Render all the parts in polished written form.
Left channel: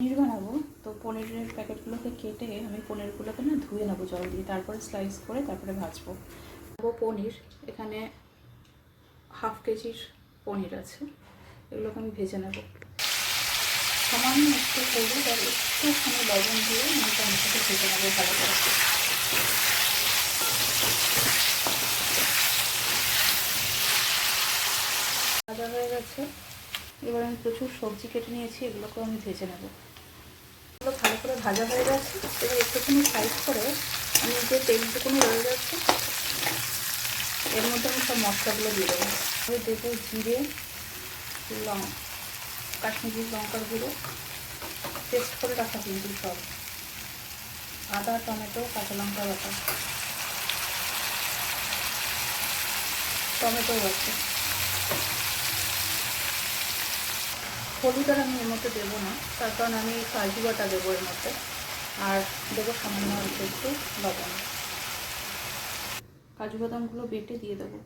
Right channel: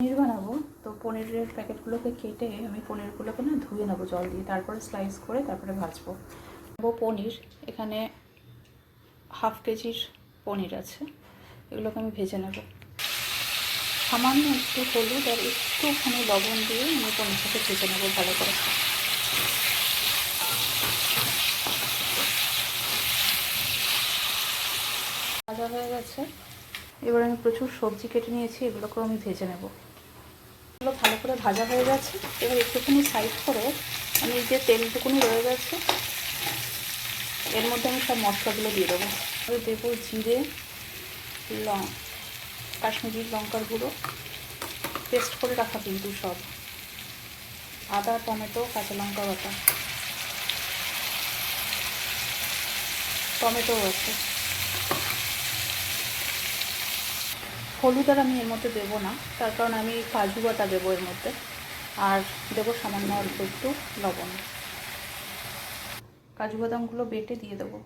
পনির বানাবো, তো পনিরের প্যাকেটগুলোকে কেটে আমি পনিরগুলোকে না ধুয়ে নেবো জল দিয়ে, তারপরে স্লাইস করে তারপরে ভাজবো। পনির এখানে হাফ কেজির পনির আছে, এগুলোকে আমি ভেজে নেব। সামান্য একটু হলুদ আর একটুখানি লবণ দিয়ে আমি পনিরটাকে ভেজে নেবো ভালো করে। ভাজা হয়ে গেছে, এবার আমি প্রচুর সবজি কেটে নিয়েছি, এগুলোকেও আমি ভেজে নেব। এগুলো ভালো করে ভাজা হয়ে গেছে, এবার একটুখানি সাইড করে আমি যে তেলটুকুনি রয়ে গেছে এর মধ্যে আমি সব মশলাগুলো দিয়ে দেবো। আমি দেবো জিরে, কাশ্মীরি লঙ্কার গুঁড়ো পেস্ট করে রাখা কিন্তু সব, আদা, টমেটো, কাঁচা লঙ্কা বাটা, টমেটোও আছে। হলুদ আর আমি এর মধ্যে দেবো না, তার কারণ আমি কাজু বাটা দেবো এর মধ্যে, আর দেবো সামান্য অল্প একটু লবণ। কাজু বাদামগুলো বেটে দিয়ে দেবো।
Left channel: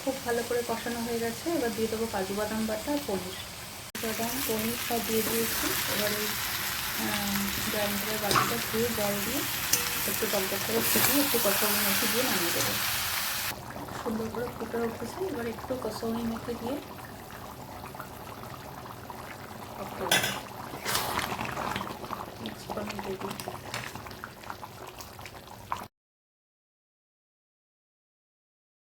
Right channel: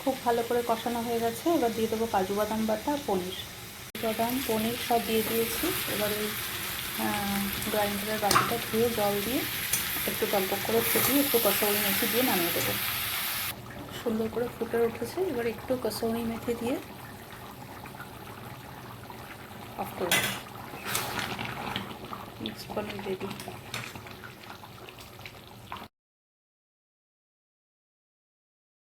খুব ভালো করে কষানো হয়ে গেছে, এবার দিয়ে দেবো কাজু বাদাম বাটা, পনির। বাদাম পনির সব দিয়ে দিয়েছি। এবার ওই গ্রাইন্ডারের বাটিটা ধুয়ে জল দিয়ে একটু গল্প করে ফুটিয়ে একটু কসৌরি মেথি দিয়ে নামিয়ে দেবো। সুন্দর করে ফুটে উঠেছে, এবার একটু কসৌরি মেথি দিয়ে অফ করে দেবো। মিক্স করে রেডি।